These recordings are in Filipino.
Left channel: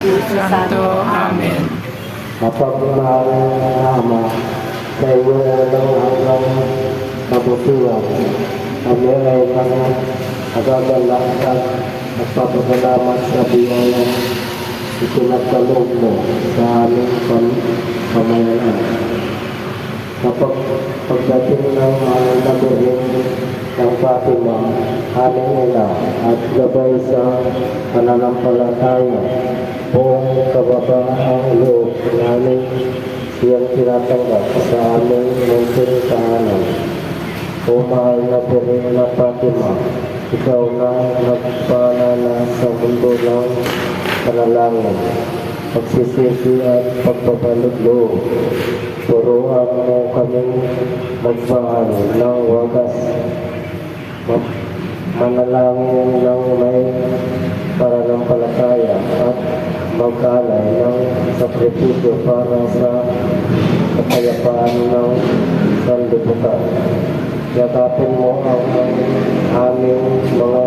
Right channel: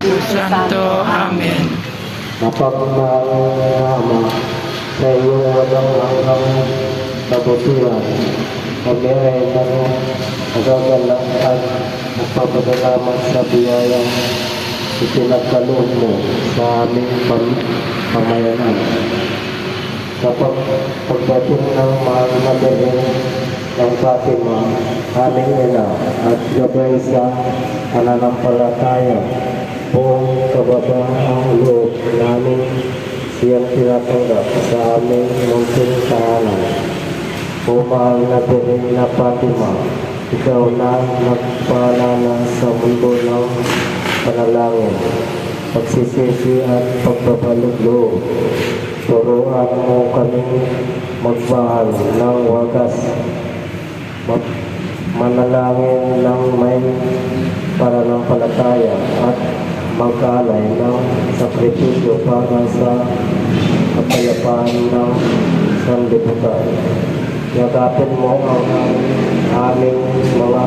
Santo. Amen. Mapagmahal na Ama, sa iyong walang hanggang kabutihan, kami ay nagagalak at nagpapasalamat sa biyaya itinagkaloob mo sa aming pamayanan. Kapag pagdating ng mga nabihing ng Fatima, aming ina at gabay sa pananampalataya, buong kababaang loob namin siyang tinatanggap sa aming munting tahanan. O mahal na Birhen na Fatima, ikaw na nagpaalala sa mundo ng panalangin, pagsisisi at pagbabalog loob. Turuan mo kaming magmahal ng wagas, manalangin ng may pananampalataya at mag-alay ng sakripisyo para sa kapayapaan ng sanlibutan. Yakapin mo ang aming mga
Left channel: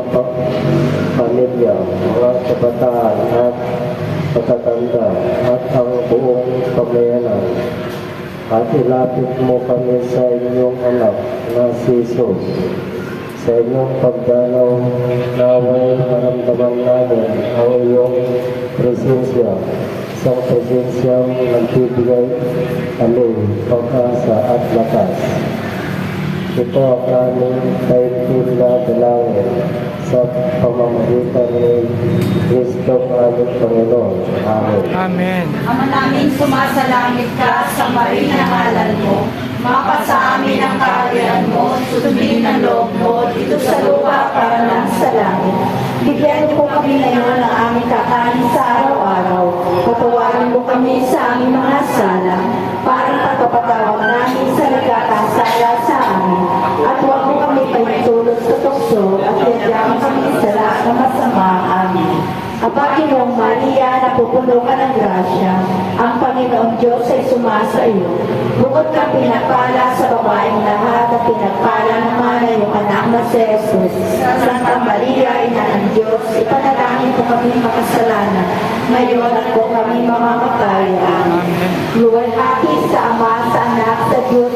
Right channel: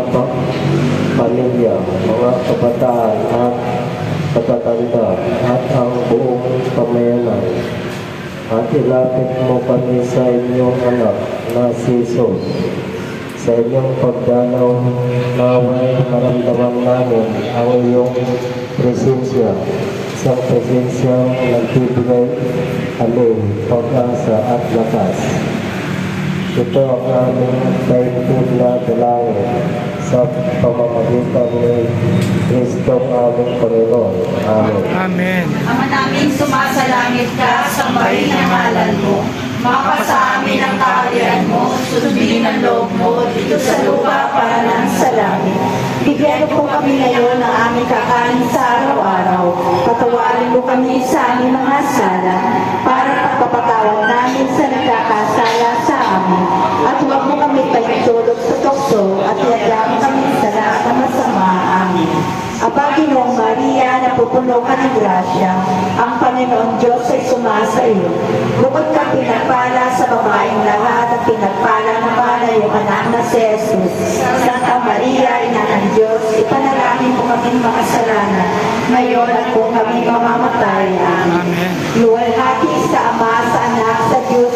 pamilya, mga kabataan at katatanda at ang buong pamayanan. At ilapit mo kami sa inyong anak na si Jesus. Sa inyong pagdanaw, naway maramdaman namin ang iyong presensya, isang presensyang nagbibigay amin, pag-asa at lakas. Ito ang aming taikid na dalangin sa pamamagitan ni Kristo aming Panginoon. Amen. Amen. Ama namin, sumasalangit ka, sambahin ang ngalan mo. Mapasa amin ang kaharian mo, sundin ang loob mo, dito sa lupa para lang sa langit. Bigyan mo kami ngayon ng aming kakanin sa araw-araw. Patawarin mo kami sa aming mga sala, para pagpapatawad namin sa nagkakasala sa amin. At huwag mo kami pahintulot sa tukso, at yagyan kami sa lahat ng masama. Amen. Aba, Ginoong Maria, napupuno ka ng grasya, ang Panginoon Diyos ay sumasa iyo. Bukod ka pinagpala sa babaeng lahat at pinagpala naman ay yung anak na si Jesus. Santa Maria, Ina ng Diyos, ipanalangin mo kami makasalanan, ngayon at kung kami mamamatay. Amen. Luwalhati sa Ama, sa Anak, sa Diyos,